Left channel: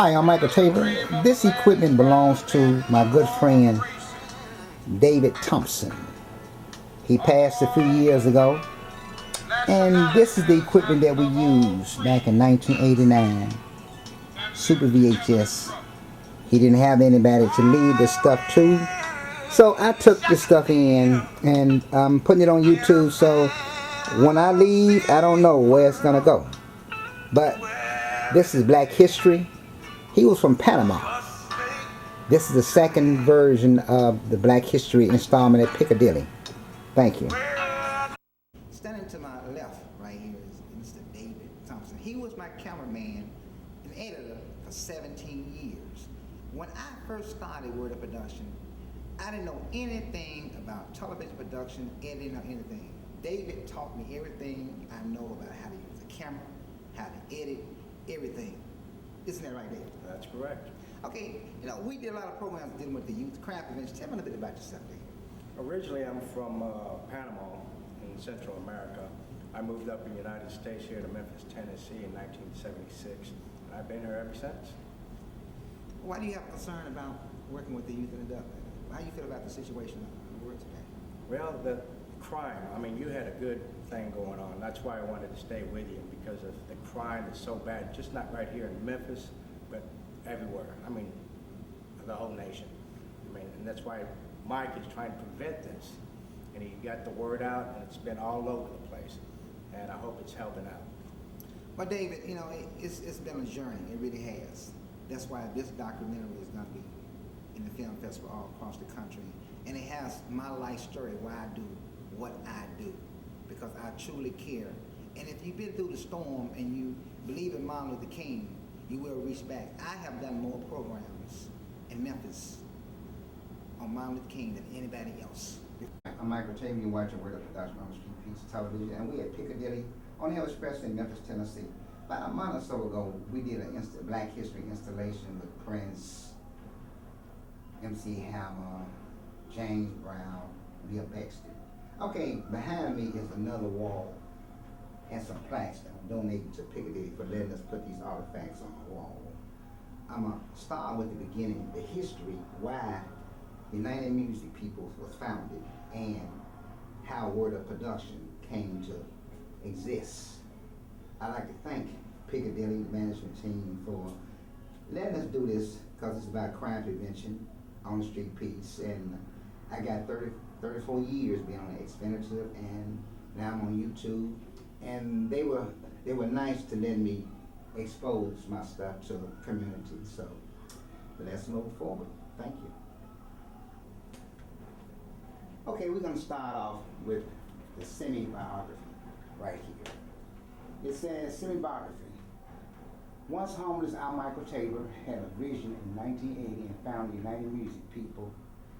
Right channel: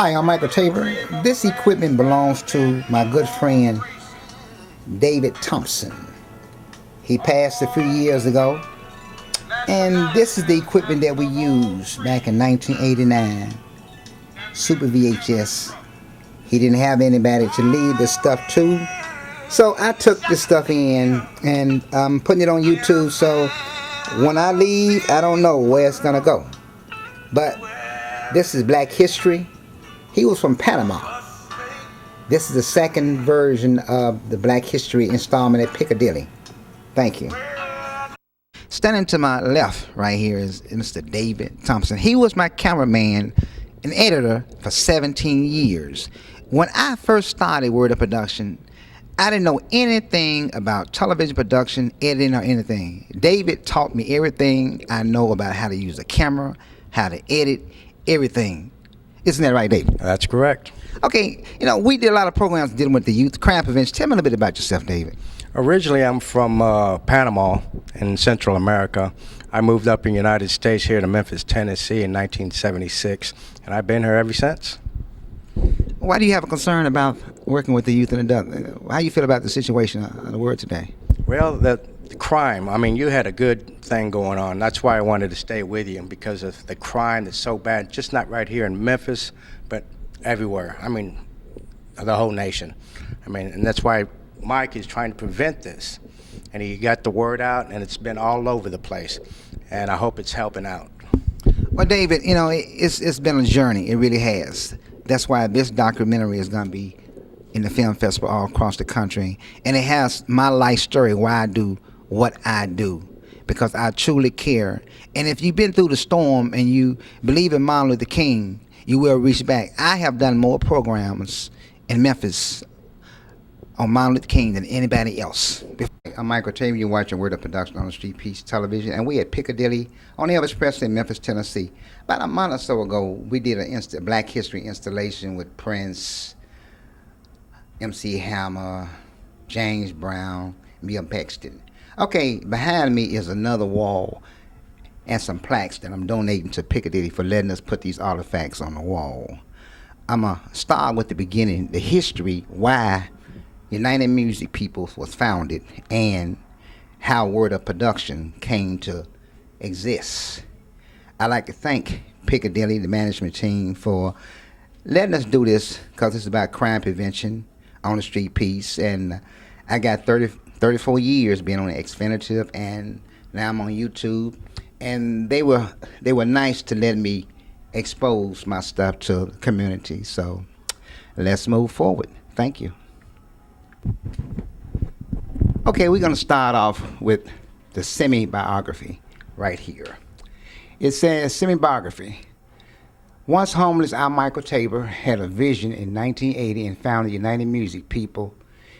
Hi, I'm Michael Tabor. This equipment belongs to my good friend David Thompson. He passed a few years ago, and this is the equipment that we used back in 1989. Super VHS. He didn't have anybody to leave the stuff to, so I took the stuff in and I'm putting it on YouTube. So when I leave, I don't know where it's gonna go. But this is Black History. He was from Panama. This is the second version of the Black History installment at Piccadilly. Thank you. Standing to my left right here is Mr. David Thompson. He was my cameraman and editor for 17 years. When I first started Word Up Production, I didn't know anything about television production, editing, or anything. David taught me everything I know about how to use a camera, how to edit, everything. Isn't that right, David? That's correct. Okay, we did a lot of programs dealing with the youth, crime prevention. Tell me a little bit about yourself, David. Originally, I'm from Panama in Central America. I moved up in the United States here to Memphis, Tennessee in 1976, and I've been here ever since. Why do you have a concern about working with the youth and adults? How do you feel about the situation of the world today? Well, the crime, I mean, you had a good thing going on. That's why I wanted to stay with you, because of the crime that's so bad, just not right here in Memphis, but everywhere. I mean, the whole nation. I mean, and that's why Mike is trying to prevent this. And he got the word out, and it's been all over the place. And I hope it's helping out. Well, David, it's been a journey. It really has. That's why this documentary is going to be in the film festival all across the country. And it has my life story, why I do what I do, because I truly care. And if you've been through the storm and you believe in Martin Luther King, you will reach back. I have done more programs in Memphis on Martin Luther King than anybody else. I'm Michael Tabor. You're watching Word Up Production on the Street Piece Television, and we at Piccadilly on Elvis Presley in Memphis, Tennessee. About a month or so ago, we did a Black History installation with Prince, MC Hammer, James Brown, Bill Paxton. Okay, behind me is another wall and some plaques that I'm donating to Piccadilly for letting us put these artifacts on the wall. I'm going to start with the beginning, the history, why United Music People was founded and how Word Up Production came to exist. I'd like to thank Piccadilly, the management team, for letting us do this, because it's about crime prevention on the street piece. And I got 34 years being on the Xfinitive, and now I'm on YouTube. And they were nice to let me expose my stuff to the community. So let's move forward. Thank you. Okay, we're going to start off with the semi-biography right here. It says, semi-biography. Once homeless, I, Michael Tabor, had a vision in 1980 and founded United Music People.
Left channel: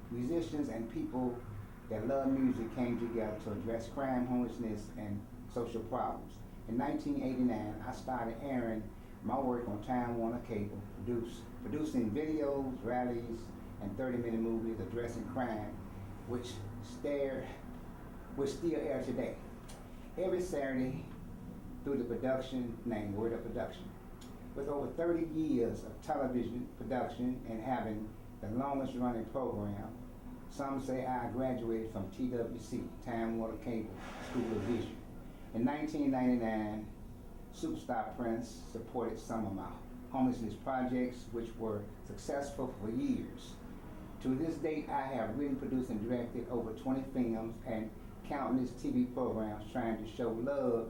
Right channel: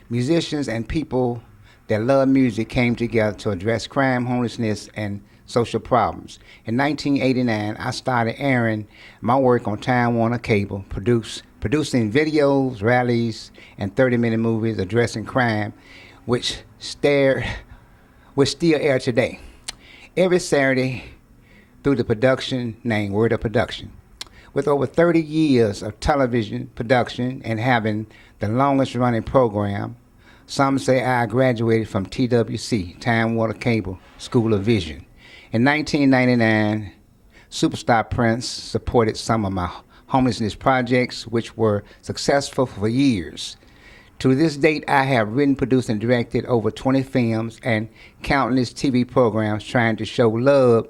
Musicians and people that love music came together to address crime, homelessness, and social problems. In 1989, I started airing my work on Time Warner Cable, producing videos, rallies, and 30-minute movies addressing crime, which still air today. Every Saturday through the production named Word Up Production. With over 30 years of television production and having the longest running program, some say I graduated from TWC, Time Warner Cable School of Vision. In 1999, Superstar Prince supported some of my homelessness projects, which were successful for years. To this date, I have written, produced, and directed over 20 films and countless TV programs trying to show love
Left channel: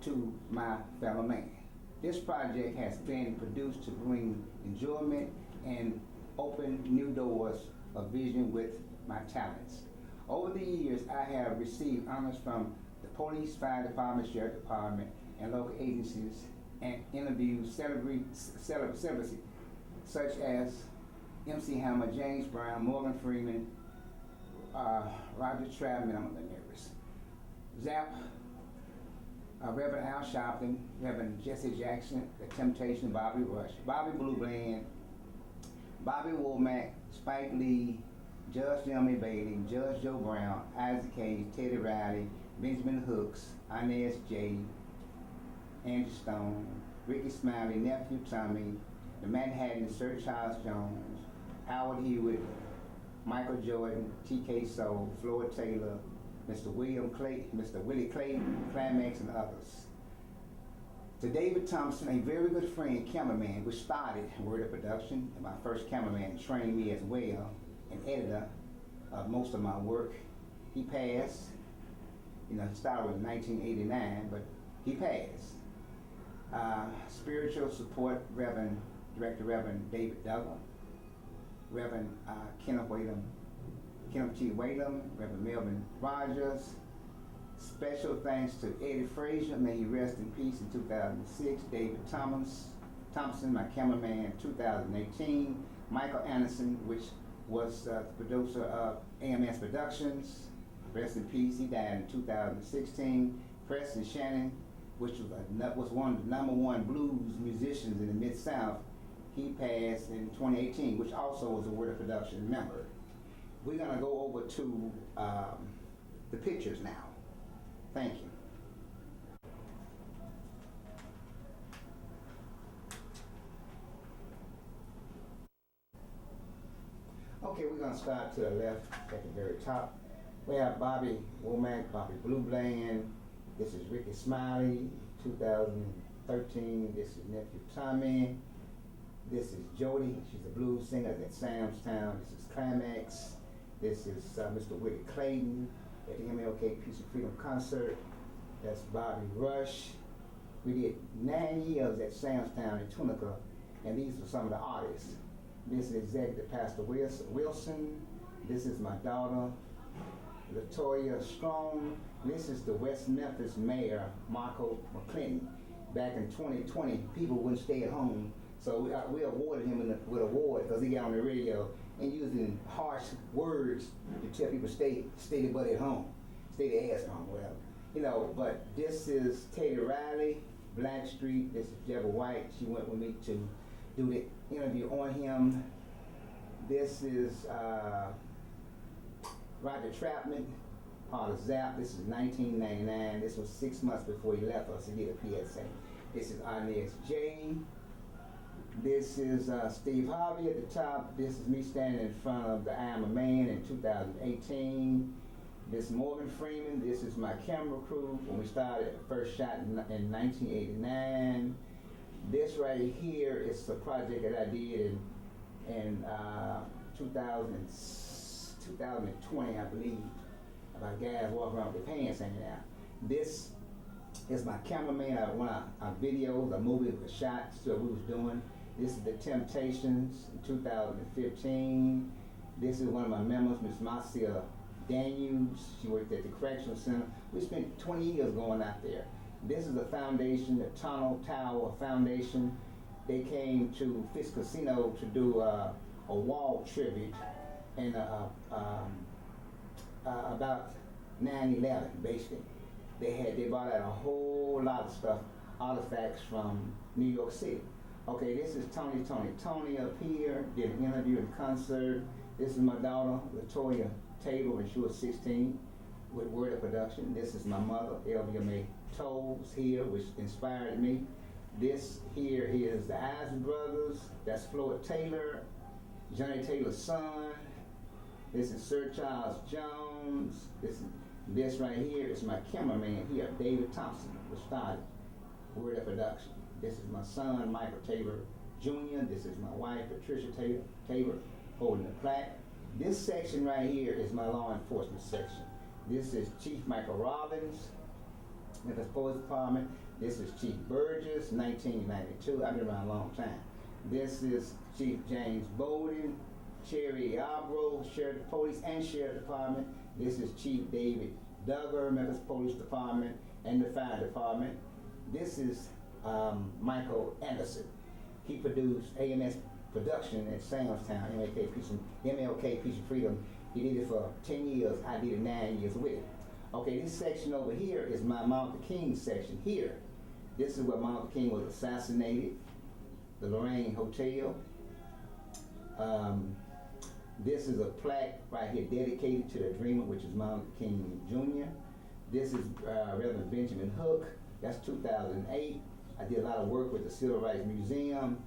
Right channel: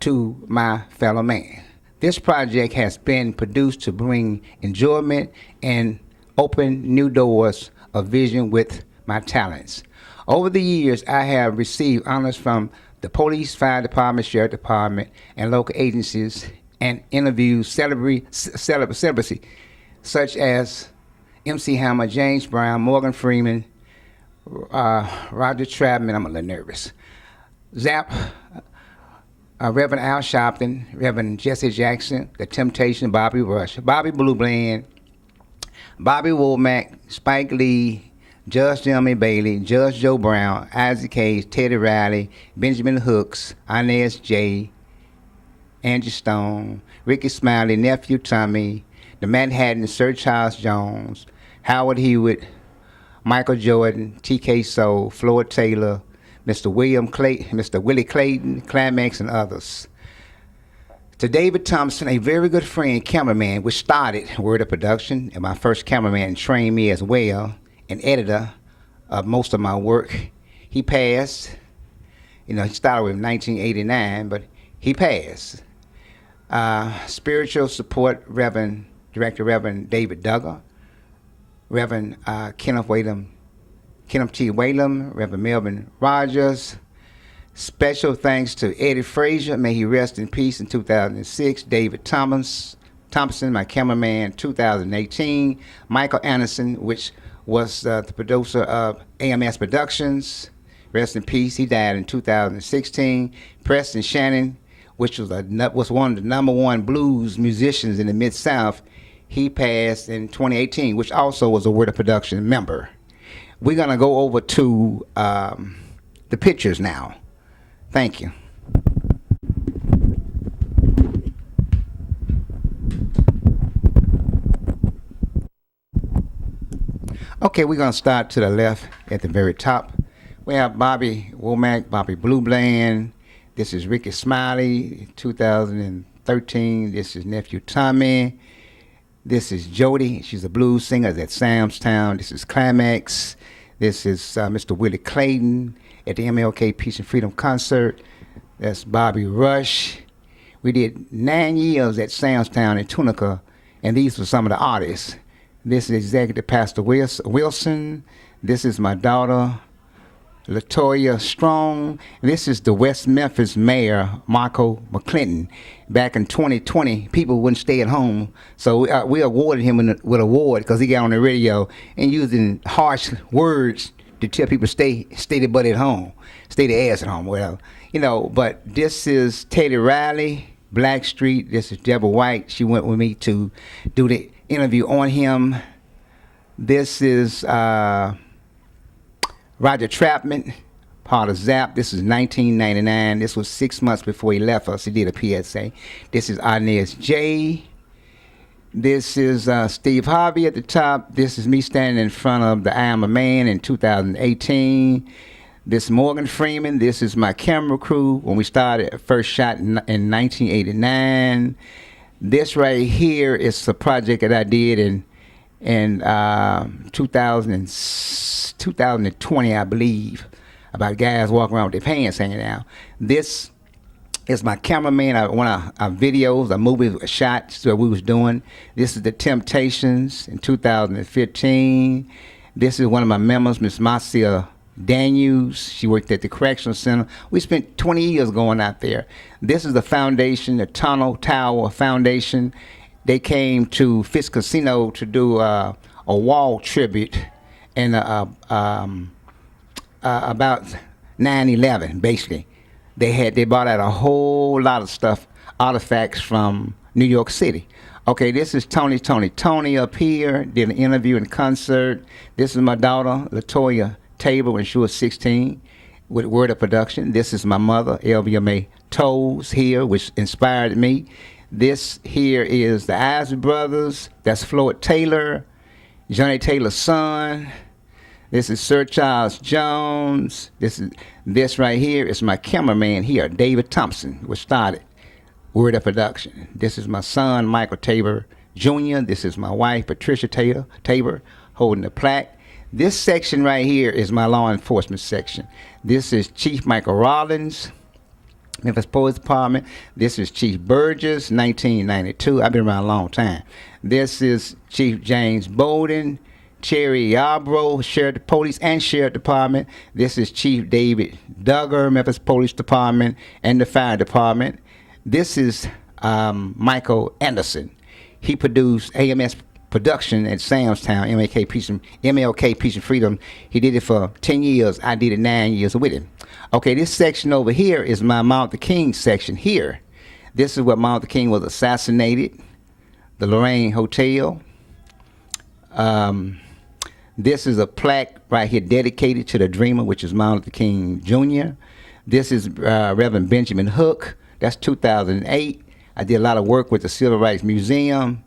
to my fellow man. This project has been produced to bring enjoyment and open new doors of vision with my talents. Over the years, I have received honors from the police, fire department, sheriff department, and local agencies, and interviewed celebrity such as MC Hammer, James Brown, Morgan Freeman, Roger Trapman. I'm a little nervous. Zap, Reverend Al Sharpton, Reverend Jesse Jackson, The Temptation, Bobby Rush, Bobby Blue Bland, Bobby Womack, Spike Lee, Judge Jeremy Bailey, Judge Joe Brown, Isaac Hayes, Teddy Riley, Benjamin Hooks, Inez J., Angie Stone, Ricky Smiley, Nephew Tommy, the Manhattan, Sir Charles Jones, Howard Hewitt, Michael Jordan, T.K. Soul, Floyd Taylor, Mr. Willie Clayton, Climax, and others. To David Thompson, a very good friend, cameraman, which started Word Up Production, and my first cameraman trained me as well, an editor of most of my work. He passed. He started with 1989, but he passed. Spiritual support, Director Reverend David Duggar, Reverend Kenneth T. Whalum, Reverend Melvin Rogers. Special thanks to Eddie Frazier, may he rest in peace, in 2006. David Thompson, my cameraman, 2018. Michael Anderson, which was the producer of AMS Productions, rest in peace, he died in 2016. Preston Shannon, which was one of the #1 blues musicians in the Mid-South, he passed in 2018, which also was a Word Up Production member. We're gonna go over to the pictures now. Thank you. Okay, we're gonna start to the left at the very top. We have Bobby Womack, Bobby Blue Bland. This is Ricky Smiley, 2013. This is nephew Tommy. This is Jody. She's a blues singer at Samstown. This is Climax. This is Mr. Willie Clayton at the MLK Peace and Freedom concert. That's Bobby Rush. We did 9 years at Samstown in Tunica, and these were some of the artists. This is Executive Pastor Wilson. This is my daughter, Latoya Strong. This is the West Memphis Mayor, Michael McClinton. Back in 2020, people wouldn't stay at home, so we awarded him with an award because he got on the radio and using harsh words to tell people stay their butt at home, stay their ass at home, whatever. But this is Teddy Riley, Blackstreet. This is Deborah White. She went with me to do the interview on him. This is Roger Trapman, part of ZAP. This is 1999. This was 6 months before he left us. He did a PSA. This is Inez J. This is Steve Harvey at the top. This is me standing in front of the I Am a Man in 2018. This is Morgan Freeman. This is my camera crew when we started first shot in 1989. This right here is a project that I did in 2020, I believe, about guys walking around with their pants hanging out. This is my cameraman. One of our videos, a movie shots that we was doing. This is The Temptations in 2015. This is one of my members, Miss Marcia Daniels. She worked at the Correctional Center. We spent 20 years going out there. This is the foundation, the Tunnel Tower Foundation. They came to Fitz Casino to do a wall tribute and about 9/11, basically. They brought out a whole lot of stuff, artifacts from New York City. Okay, this is Tony up here, did an interview and concert. This is my daughter, Latoya Tabor, when she was 16, with Word Up Production. This is my mother, LVMA Toes here, which inspired me. This here is the Isley Brothers. That's Floyd Taylor, Johnny Taylor's son. This is Sir Charles Jones. This right here is my cameraman here, David Thompson, which started Word Up Production. This is my son, Michael Tabor Jr. This is my wife, Patricia Tabor, holding the plaque. This section right here is my law enforcement section. This is Chief Michael Rollins, Memphis Police Department. This is Chief Burgess, 1992. I've been around a long time. This is Chief James Bowden, Cherry Yarbrough, Sheriff Police and Sheriff Department. This is Chief David Duggar, Memphis Police Department and the Fire Department. This is Michael Anderson. He produced AMS Production at Samstown, MLK Peace and Freedom. He did it for 10 years. I did it 9 years with him. Okay, this section over here is my Martin Luther King section here. This is where Martin Luther King was assassinated, the Lorraine Hotel. This is a plaque right here dedicated to the Dreamer, which is Martin Luther King Jr. This is Reverend Benjamin Hook. That's 2008. I did a lot of work with the Civil Rights Museum.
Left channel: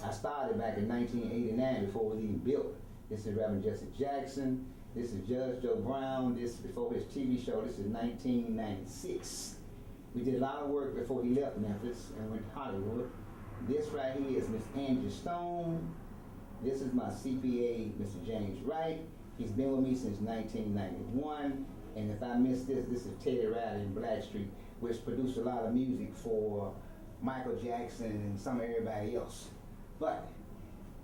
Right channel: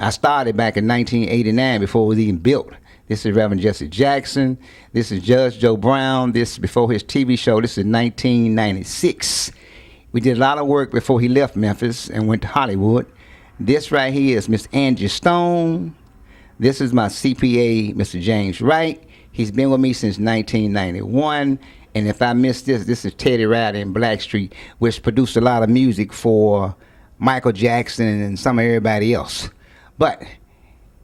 I started back in 1989 before it was even built. This is Reverend Jesse Jackson. This is Judge Joe Brown. This is before his TV show. This is 1996. We did a lot of work before he left Memphis and went to Hollywood. This right here is Miss Angie Stone. This is my CPA, Mr. James Wright. He's been with me since 1991. And if I missed this, this is Teddy Riley in Blackstreet, which produced a lot of music for Michael Jackson and some of everybody else.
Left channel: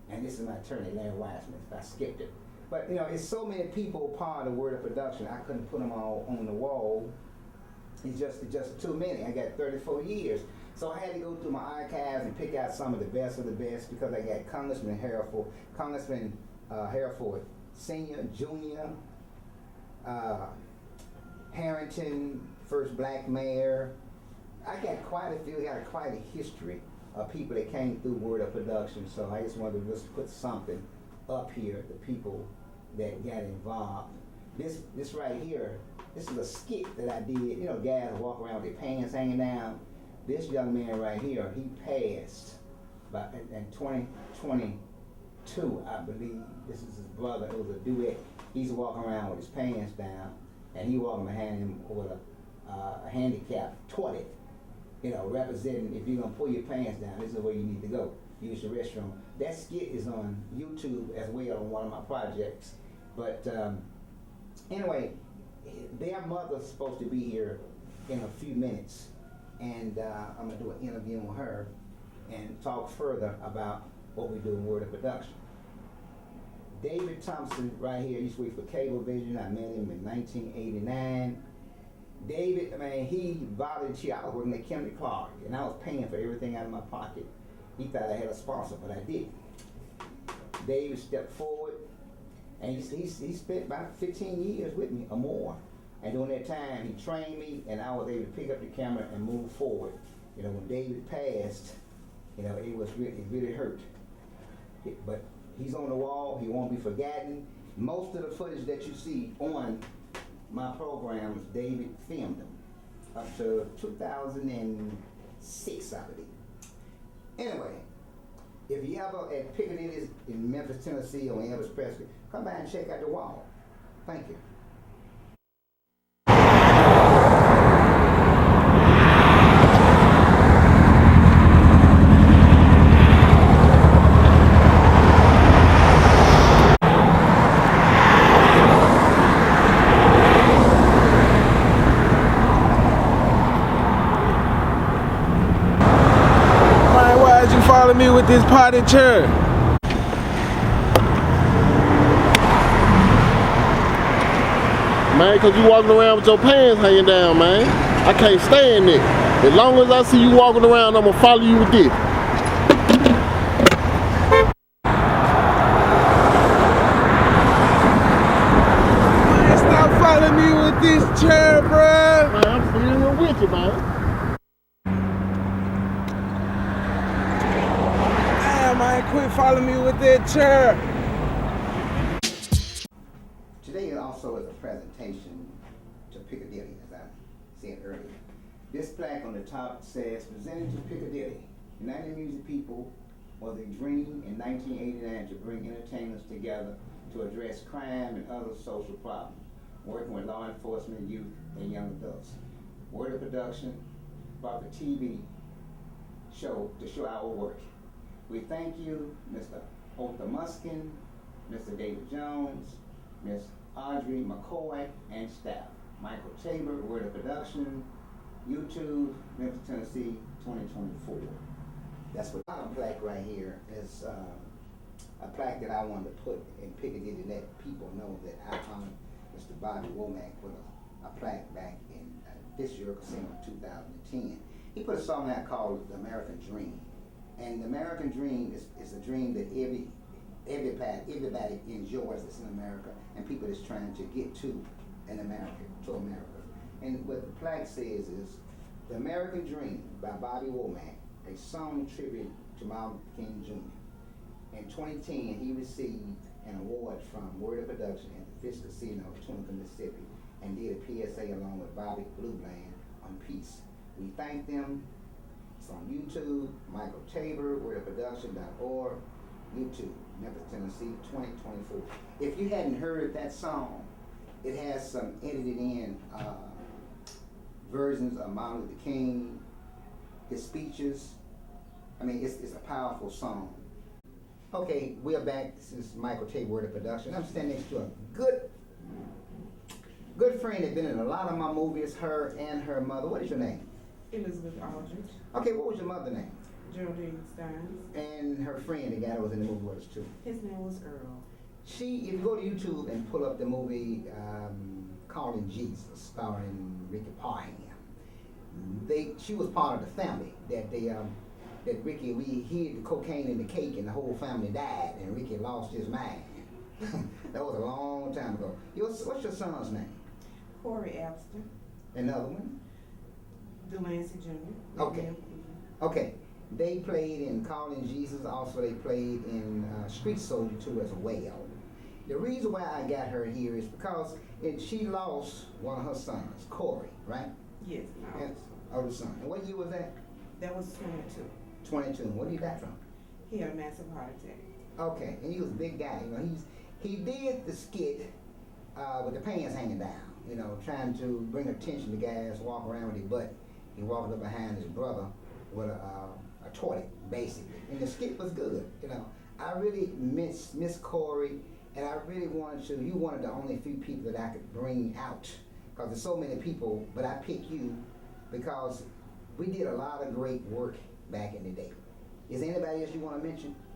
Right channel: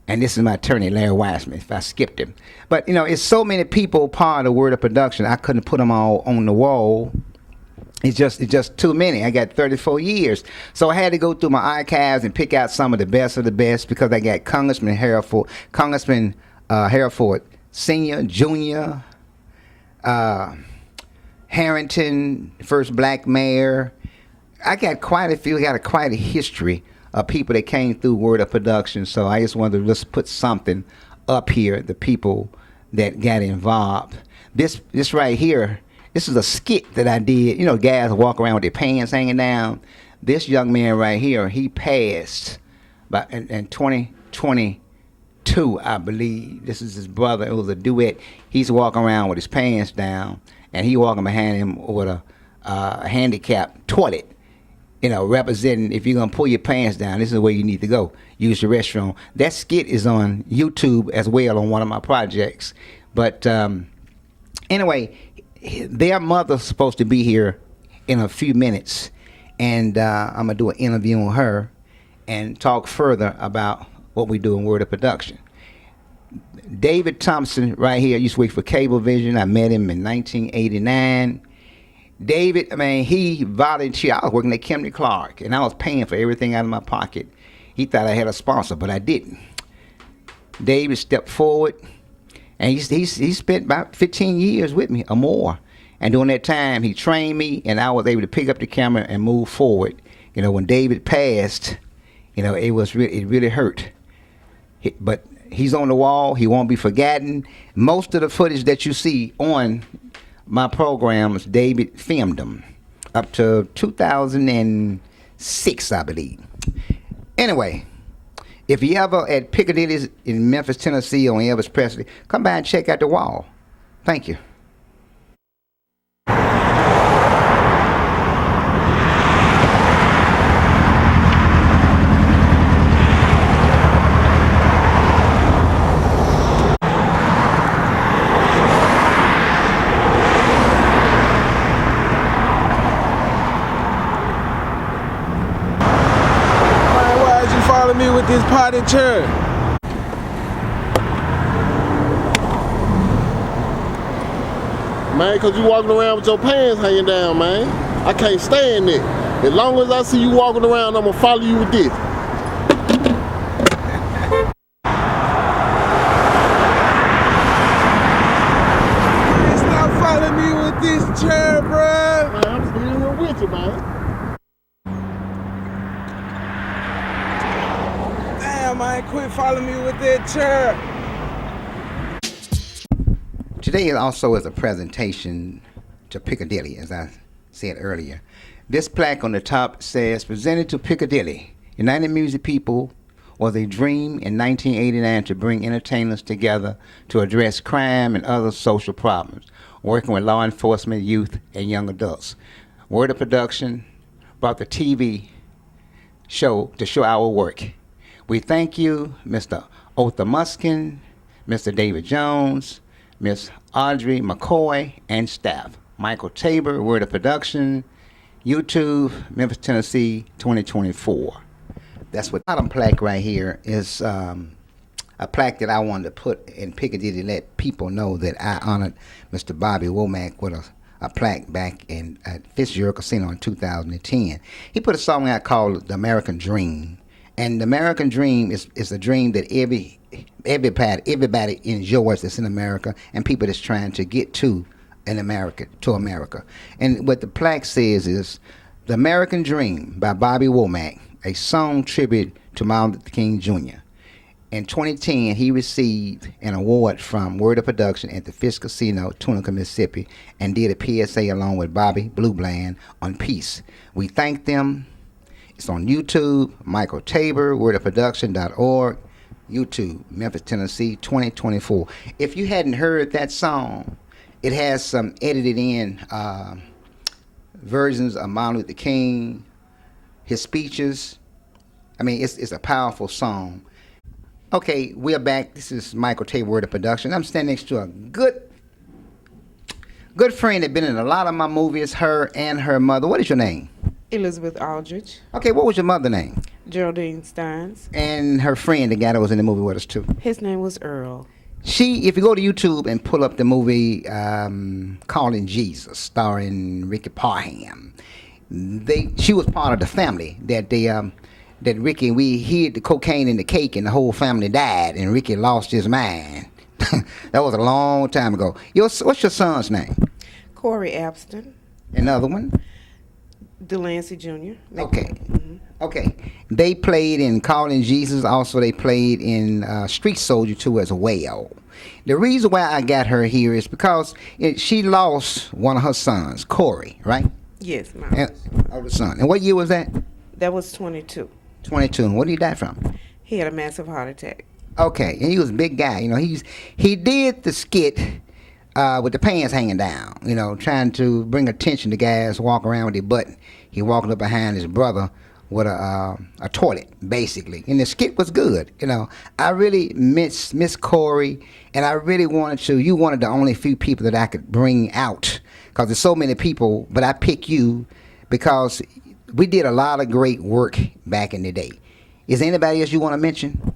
And this is my attorney, Larry Wiseman, if I skipped him. But, you know, it's so many people part of the Word of Production, I couldn't put them all on the wall. It's just too many. I got 34 years. So I had to go through my archives and pick out some of the best, because I got Congressman Hereford Senior, Junior, Harrington, first black mayor. I got quite a few. I got quite a history of people that came through Word of Production. So I just wanted to just put something up here, the people that got involved. This right here, this is a skit that I did. You know, guys walk around with their pants hanging down. This young man right here, he passed in 2022, I believe. This is his brother. It was a duet. He's walking around with his pants down, and he walking behind him with a handicapped toilet. You know, representing, if you're going to pull your pants down, this is where you need to go. Use the restroom. That skit is on YouTube as well on one of my projects. But anyway, their mother's supposed to be here in a few minutes. And I'm going to do an interview on her and talk further about what we do in Word of Production. David Thompson right here used to work for Cablevision. I met him in 1989. David, I mean, he volunteered. I was working at Kimberly Clark, and I was paying for everything out of my pocket. He thought I had a sponsor, but I didn't. David stepped forward, and he spent about 15 years with me or more. And during that time, he trained me, and I was able to pick up the camera and move forward. You know, when David passed, you know, it really hurt. But he's on the wall. He won't be forgotten. Most of the footage that you see on my programs, David filmed them up to 2006, I believe. Anyway, if you ever at Piccadilly in Memphis, Tennessee on Elvis Presley, come by and check out the wall. Thank you. Me with this potted chair. Man, cause you walking around with your pants hanging down, man. I can't stand it. As long as I see you walking around, I'm gonna follow you with this. Man, stop following me with this chair, bruh. Man, I'm still here with you, man. Man, quit following me with that chair. Today also is a presentation to Piccadilly, as I said earlier. This plaque on the top says, "Presented to Piccadilly, United Music People was a dream in 1989 to bring entertainers together to address crime and other social problems, working with law enforcement, youth, and young adults. Word of Production brought the TV show to show our work. We thank you, Mr. Otha Muskin, Mr. David Jones, Miss Audrey McCoy, and staff. Michael Tabor, Word of Production, YouTube, Memphis, Tennessee, 2024. That's what bottom plaque right here is a plaque that I wanted to put in Piccadilly to let people know that I honored Mr. Bobby Womack with a plaque back in at Fitzgerald Casino in 2010. He put a song out called The American Dream. And the American dream is a dream that everybody enjoys that's in America, and people that's trying to get to America. And what the plaque says is, "The American Dream" by Bobby Womack, a song tribute to Martin Luther King Jr. In 2010, he received an award from Word of Production at the Fish Casino, Tunica, Mississippi, and did a PSA along with Bobby Blue Bland on peace. We thank them. It's on YouTube, Michael Tabor, WordUpProductions.org, YouTube, Memphis, Tennessee, 2024. If you hadn't heard that song, it has some edited in versions of Martin Luther King, his speeches. I mean, it's a powerful song. Okay, we're back. This is Michael Tabor, WordUpProductions. I'm standing next to a good friend that been in a lot of my movies, her and her mother. What is your name? Elizabeth Aldrich. Okay, what was your mother's name? Geraldine Steins. And her friend, the guy that was in the movie with us too. His name was Earl. If you go to YouTube and pull up the movie Calling Jesus, starring Ricky Parham, she was part of the family that Ricky, we hid the cocaine in the cake and the whole family died and Ricky lost his mind. That was a long time ago. What's your son's name? Corey Abston. Another one? Delancey Jr. Okay. Mm-hmm. Okay. They played in Calling Jesus. Also, they played in Street Soldier 2 as well. The reason why I got her here is because she lost one of her sons, Corey, right? Yes, my older son. And what year was that? That was 22. 22. And what did he die from? He had a massive heart attack. Okay. And he was a big guy. You know, he did the skit with the pants hanging down, you know, trying to bring attention to guys walk around with their butt. He walking up behind his brother with a toilet, basically. And the skit was good, you know. I really miss Corey, and I really you wanted the only few people that I could bring out, because there's so many people, but I pick you because we did a lot of great work back in the day. Is there anybody else you want to mention?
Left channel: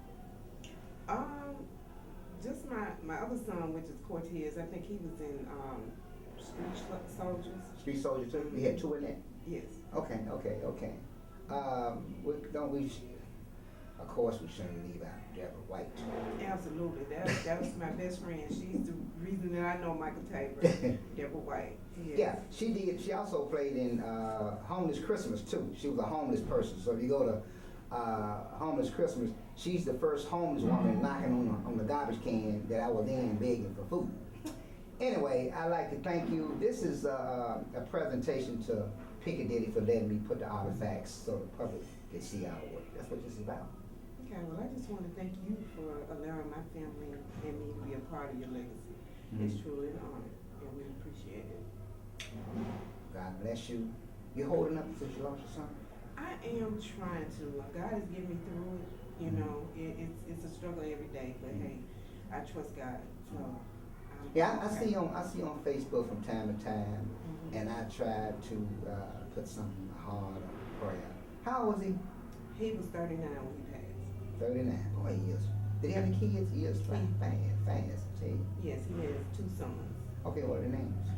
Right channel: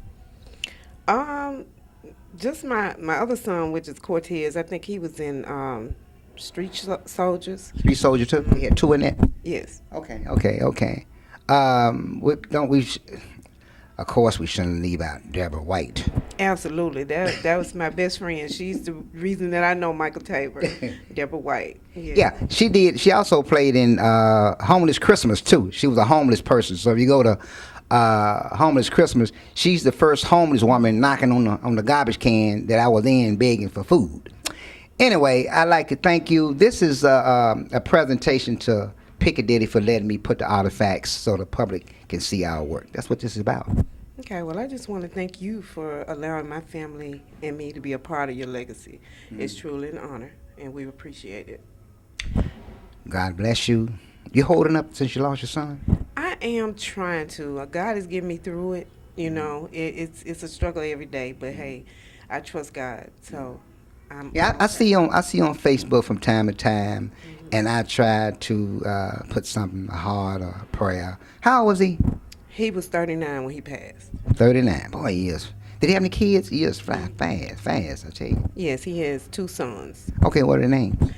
Just my other son, which is Cortez. I think he was in Street Soldiers. Street Soldier 2? He had 2 in that? Yes. Okay. Of course, we shouldn't leave out Deborah White. Absolutely. That was my best friend. She's the reason that I know Michael Tabor. Deborah White. Yeah, she did. She also played in Homeless Christmas, too. She was a homeless person. So if you go to Homeless Christmas, she's the first homeless woman knocking on the garbage can that I was in begging for food. Anyway, I'd like to thank you. This is a presentation to Piccadilly for letting me put the artifacts so the public can see our work. That's what this is about. Okay, well, I just want to thank you for allowing my family and me to be a part of your legacy. It's truly an honor, and we appreciate it. God bless you. You holding up since you lost your son? I am trying to. God has given me through it. You know, it's a struggle every day, but hey, I trust God. So, I see on Facebook from time to time, and I try to put something, a heart or a prayer. How old was he? He was 39 when he passed. 39. Boy, he is. Did he have any kids? He is fast, I tell you. Yes, he has 2 sons. Okay, what are their names?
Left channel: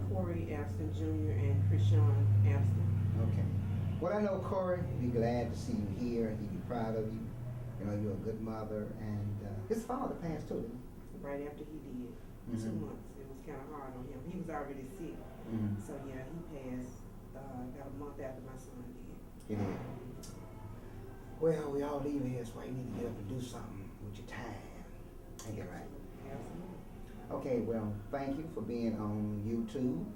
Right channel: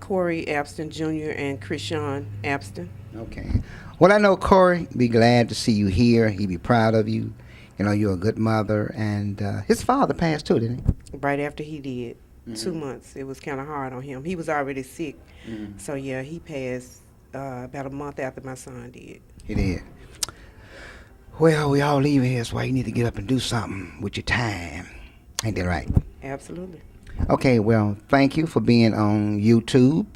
Corey Abston Jr. and Krishan Abston. Okay. Well, I know Corey be glad to see you here. He be proud of you. You know, you're a good mother. And his father passed too, didn't he? Right after he did. 2 months. It was kind of hard on him. He was already sick. So, yeah, he passed about a month after my son did. He did. Well, we all leave here, so you need to get up and do something with your time. Ain't that right? Absolutely. Okay, well, thank you for being on YouTube,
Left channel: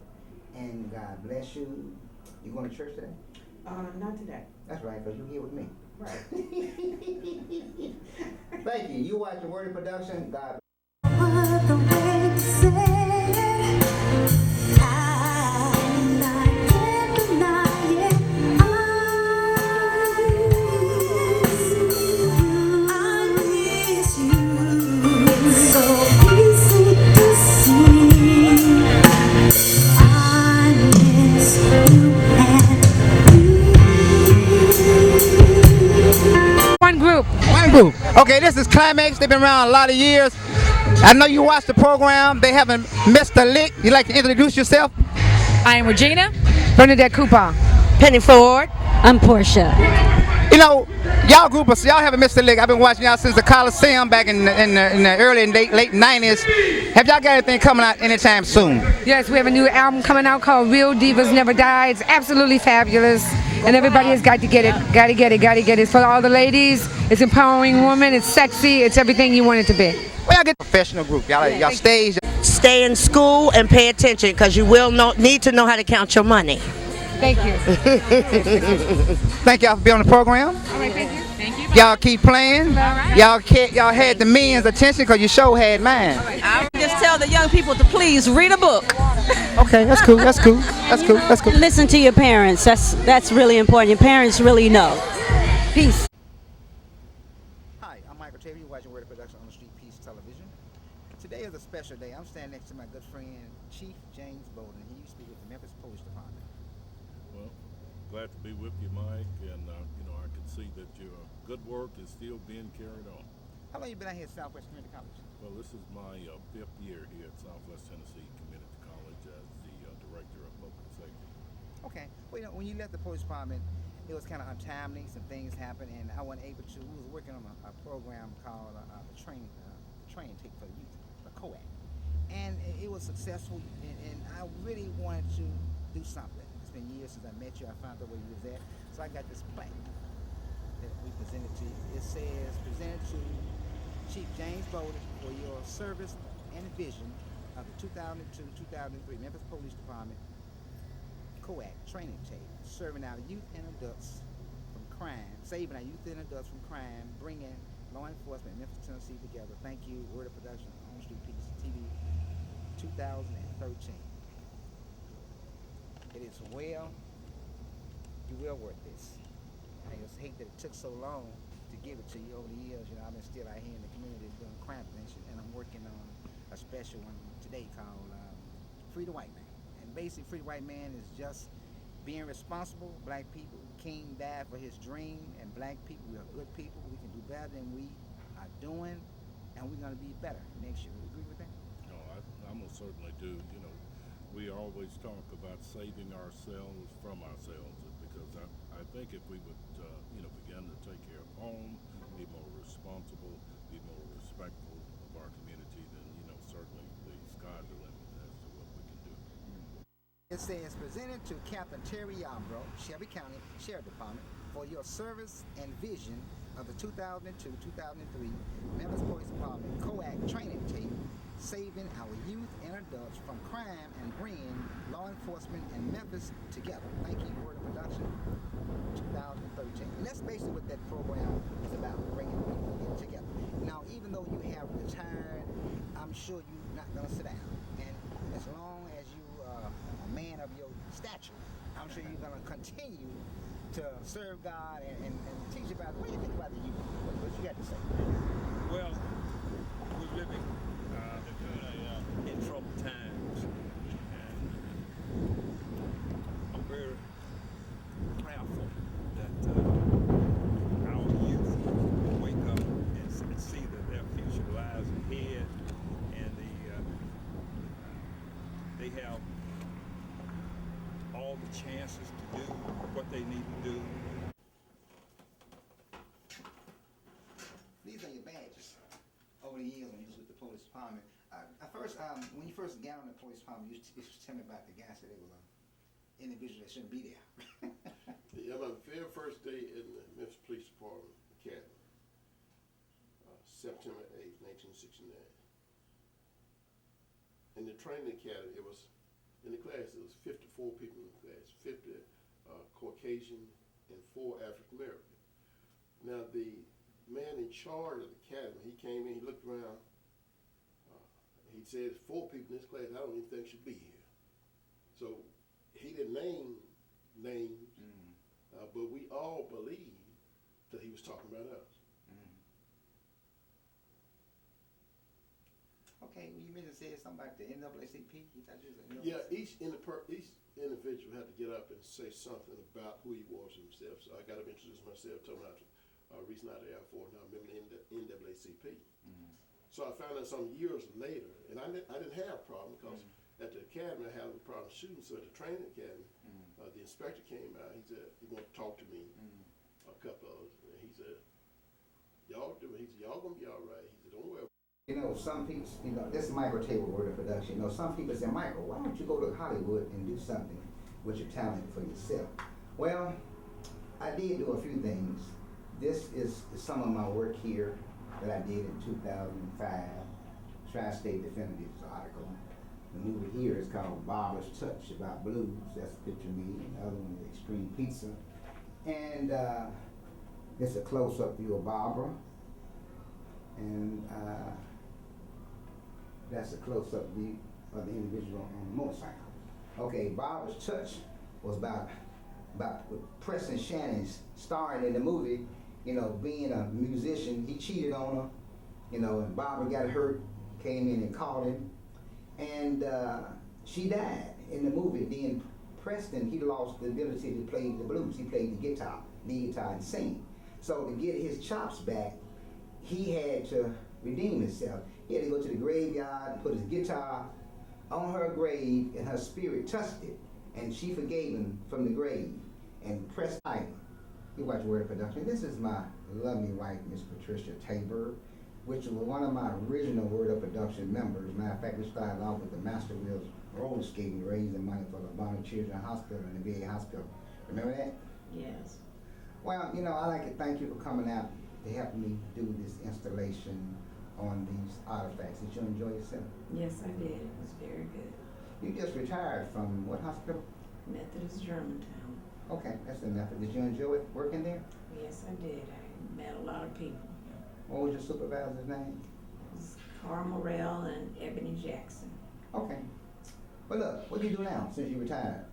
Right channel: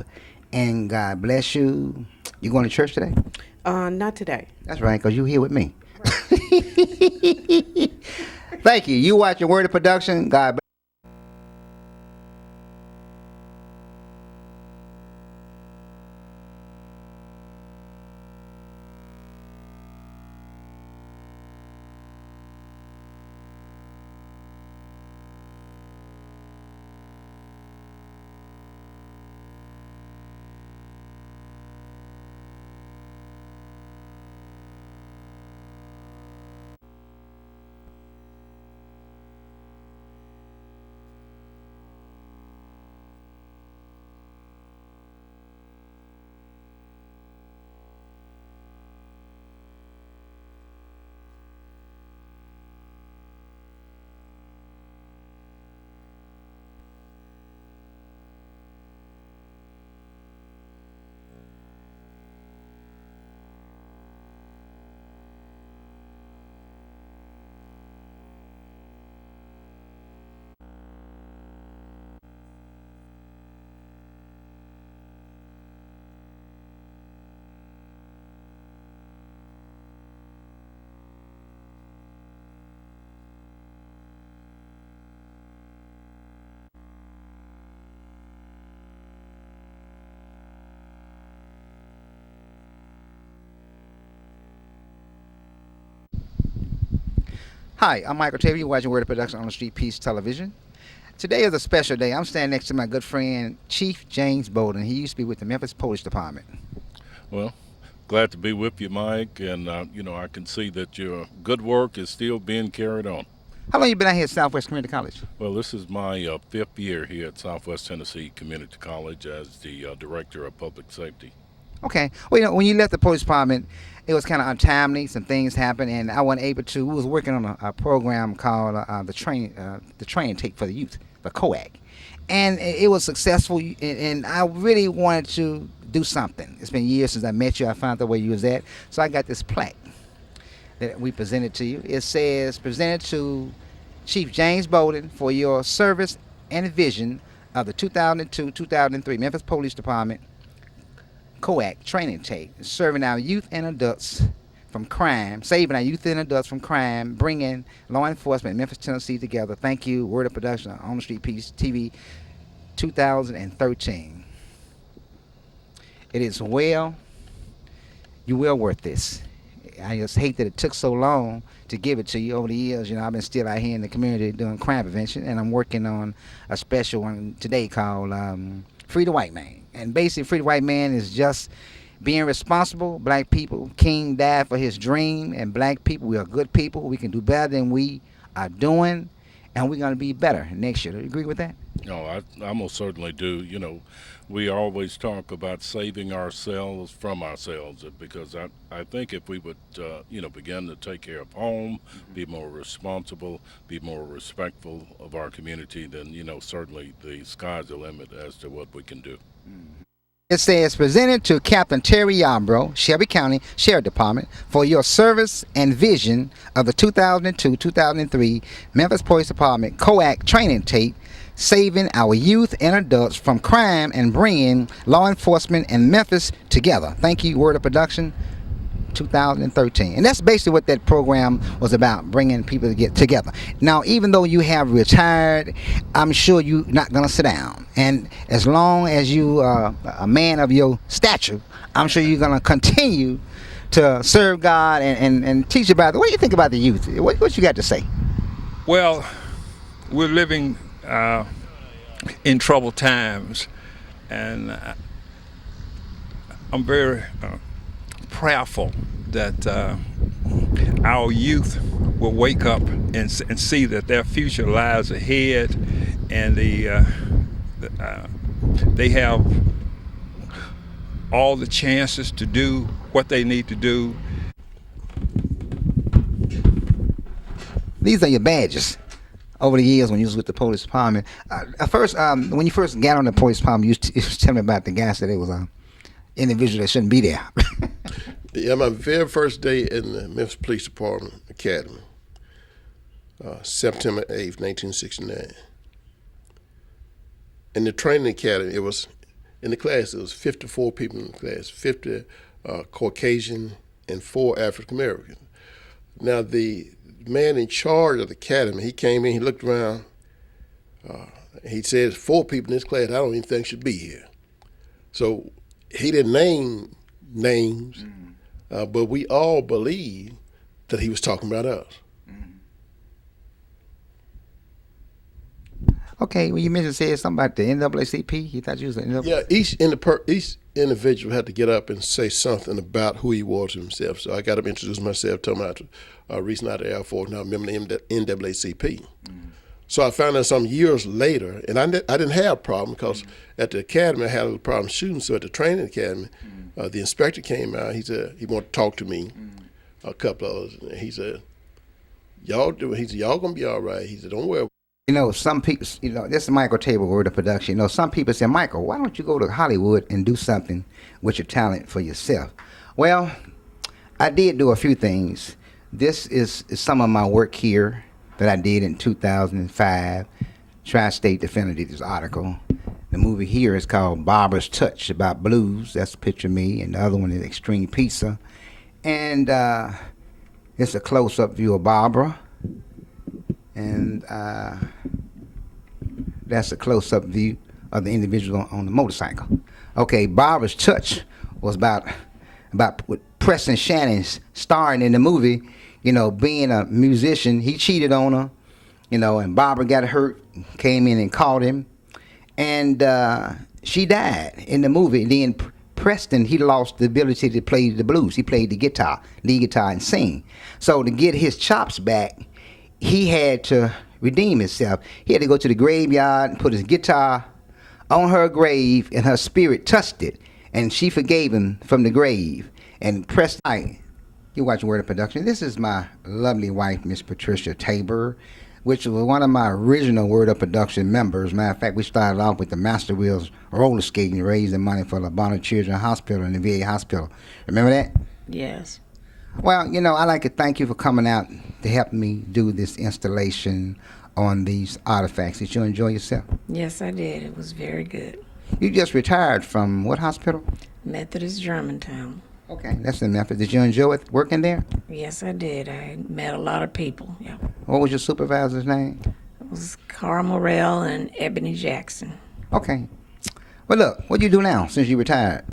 and God bless you. You going to church today? Not today. That's right, because you're here with me. Thank you. You watching Word of Production. God bless. One group. Okay, this is Climax. They've been around a lot of years. I know you watched the program. They haven't missed a lick. You like to introduce yourself? I am Regina. Bernadette Cooper. Penny Ford. I'm Portia. You know, y'all groupers, y'all haven't missed a lick. I've been watching y'all since the Coliseum back in the early and late 90s. Have y'all got anything coming out anytime soon? Yes, we have a new album coming out called Real Divas Never Die. It's absolutely fabulous. And everybody has got to get it. Got to get it. It's for all the ladies. It's empowering women. It's sexy. It's everything you want it to be. Well, y'all get a professional group. Y'all stage. Stay in school and pay attention, because you will need to know how to count your money. Thank you. Thank y'all for being on the program. All right, thank you. Y'all keep playing. Y'all had the men's attention because your show had mine. I would just tell the young people to please read a book. Okay, that's cool. That's cool. That's cool. That's cool. Listen to your parents. That's really important. Your parents really know. Peace. Hi, I'm Michael Tabor. You're watching Word of Production on the Street Peace Television. Today is a special day. I'm standing next to my good friend, Chief James Bowden. He used to be with the Memphis Police Department. Well, glad to be with you, Mike, and I can see that your good work is still being carried on. How long you been out here at Southwest Community College? Well, this is my 5th year here at Southwest Tennessee Community College as the Director of Public Safety. Okay. Well, when you left the police department, it was kind of untimely. Some things happened, and I wasn't able to. We was working on a program called the training tape for the youth, the COAC, and it was successful. And I really wanted to do something. It's been years since I met you. I found out where you was at, so I got this plaque that we presented to you. It says, "Presented to Chief James Bowden for your service and vision of the 2002-2003 Memphis Police Department COAC training tape, serving our youth and adults from crime, saving our youth and adults from crime, bringing law enforcement in Memphis, Tennessee together. Thank you, Word of Production on the Street Peace TV 2013. It is you're well worth this. I just hate that it took so long to give it to you. Over the years, I've been still out here in the community doing crime prevention, and I'm working on a special one today called Free the White Man. And basically, Free the White Man is just being responsible. Black people, King died for his dream, and black people, we are good people. We can do better than we are doing, and we're going to be better next year. Do you agree with that? No, I most certainly do. We always talk about saving ourselves from ourselves, because I think if we would, begin to take care of home, be more responsible, be more respectful of our community, then, certainly the sky's the limit as to what we can do. It says, presented to Captain Terry Yarbrough, Shelby County Sheriff Department, for your service and vision of the 2002-2003 Memphis Police Department COAC training tape, saving our youth and adults from crime and bringing law enforcement in Memphis together. Thank you, Word of Production 2013. And that's basically what that program was about, bringing people to get together. Now, even though you have retired, I'm sure you're not going to sit down. And as long as you are a man of your stature, I'm sure you're going to continue to serve God and teach about it. What do you think about the youth? What you got to say? Well, we're living in troubled times, and I'm very prayerful that our youth will wake up and see that their future lies ahead, and they have all the chances to do what they need to do. These are your badges. Over the years when you was with the police department, when you first got on the police department, you was telling me about the guy said it was an individual that shouldn't be there. Yeah, my very first day in the Memphis Police Department Academy, September 8th, 1969. In the training academy, it was 54 people in the class, 50 Caucasian and 4 African American. Now the man in charge of the academy, he came in, he looked around, he said, 4 people in this class I don't even think should be here. So he didn't name names, but we all believed that he was talking about us. Okay, well, you mentioned something about the NAACP. You thought you was an NAACP? Yeah, each individual had to get up and say something about who he was himself. So I got up and introduced myself, told him I was recently out of the Air Force, now I'm a member of the NAACP. So I found out some years later, and I didn't have a problem because at the academy I had a little problem shooting. So at the training academy, the inspector came out. He said he wanted to talk to me, a couple of us. And he said, y'all gonna be all right. He said, don't worry. Some people, this is Michael Tabor, Word of Production. Some people say, Michael, why don't you go to Hollywood and do something with your talent for yourself? Well, I did do a few things. This is some of my work here that I did in 2005. Tri-State Defender did this article. The movie here is called Barbara's Touch, about blues. That's a picture of me, and the other one is Extreme Pizza. And it's a close-up view of Barbara. And that's a close-up view of the individual on the motorcycle. Okay, Barbara's Touch was about with Preston Shannon's starring in the movie, you know, being a musician. He cheated on her, you know, and Barbara got hurt, came in and caught him, and she died in the movie. And then Preston, he lost the ability to play the blues. He played the guitar, lead guitar, and sing. So to get his chops back, he had to redeem himself. He had to go to the graveyard and put his guitar on her grave, and her spirit touched it, and she forgave him from the grave. And Preston, hi, you're watching Word Up Productions. This is my lovely wife, Miss Patricia Tabor, which was one of my original Word Up Production members. Matter of fact, we started off with the Master Wheels roller skating, raising money for the Bonner Children's Hospital and the VA Hospital. Remember that? Yes. Well, you know, I'd like to thank you for coming out to help me do this installation on these artifacts. Did you enjoy yourself? Yes, I did. It was very good. You just retired from what hospital? Methodist Germantown. Okay, that's in Memphis. Did you enjoy it working there? Yes, I did. I met a lot of people. Yeah. What was your supervisor's name? It was Carl Morrell and Ebony Jackson. Okay. Well, look, what do you do now since you retired?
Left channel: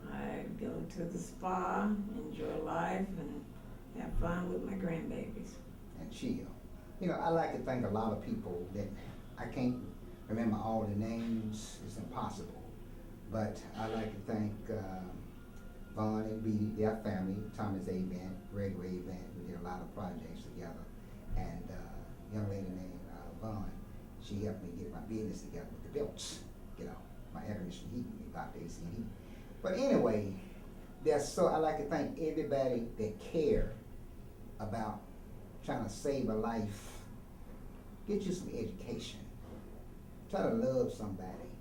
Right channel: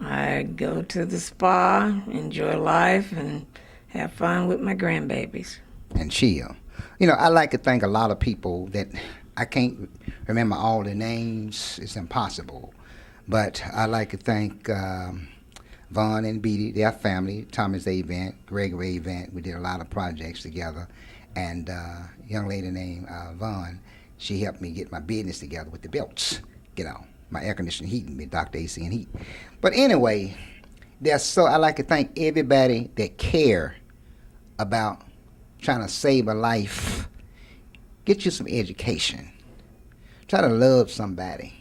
I go to the spa, enjoy life, and have fun with my grandbabies. And chill. You know, I like to thank a lot of people that I can't remember all the names. It's impossible. But I like to thank Vaughn and Beatty, their family, Thomas Avent, Gregory Avent. We did a lot of projects together. And a young lady named Vaughn, she helped me get my business together with the belts, you know, my air conditioning heating with Dr. AC and Heat. But anyway, I like to thank everybody that care about trying to save a life. Get you some education. Try to love somebody.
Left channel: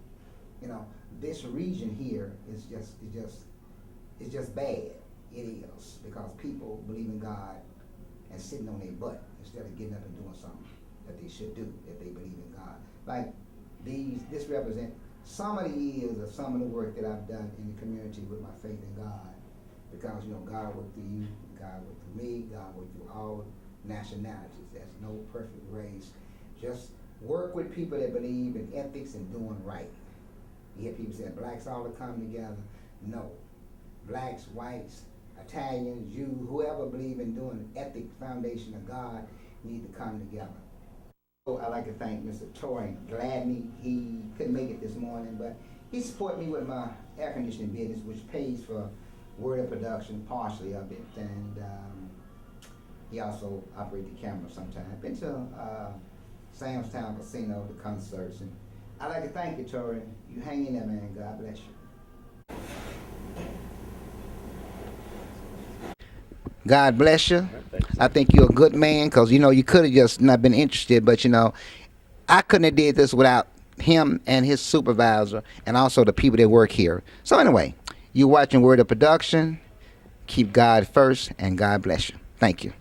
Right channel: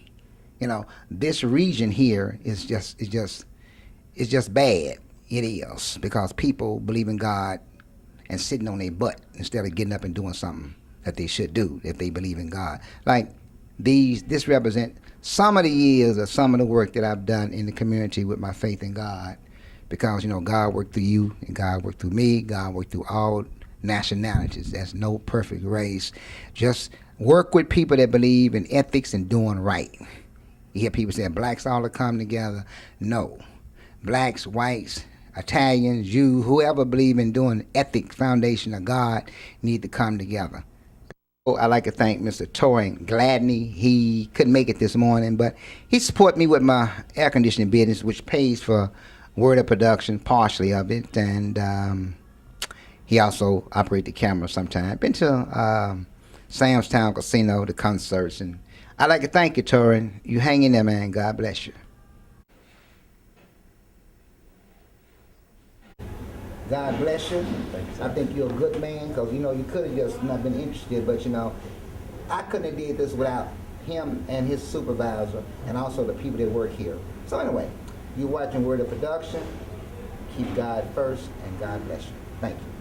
You know, this region here is just bad. It is, because people believe in God and sitting on their butt instead of getting up and doing something that they should do if they believe in God. Like this represent some of the years of some of the work that I've done in the community with my faith in God, because, you know, God worked through you and God worked through me. God worked through all nationalities. There's no perfect race. Just work with people that believe in ethics and doing right. You hear people say blacks all to come together. No. Blacks, whites, Italians, Jews, whoever believe in doing ethic foundation of God need to come together. I'd like to thank Mr. Torin Gladney. He couldn't make it this morning, but he supported me with my air conditioning business, which pays for Word Up Production, partially of it, and he also operates the camera sometimes. Been to Sam's Town Casino, the concerts, and I'd like to thank you, Torin. You hang in there, man. God bless you. God bless you. I think you're a good man, because, you know, you could have just not been interested, but, you know, I couldn't have did this without him and his supervisor and also the people that work here. So anyway, you're watching Word of Production. Keep God first, and God bless you. Thank you.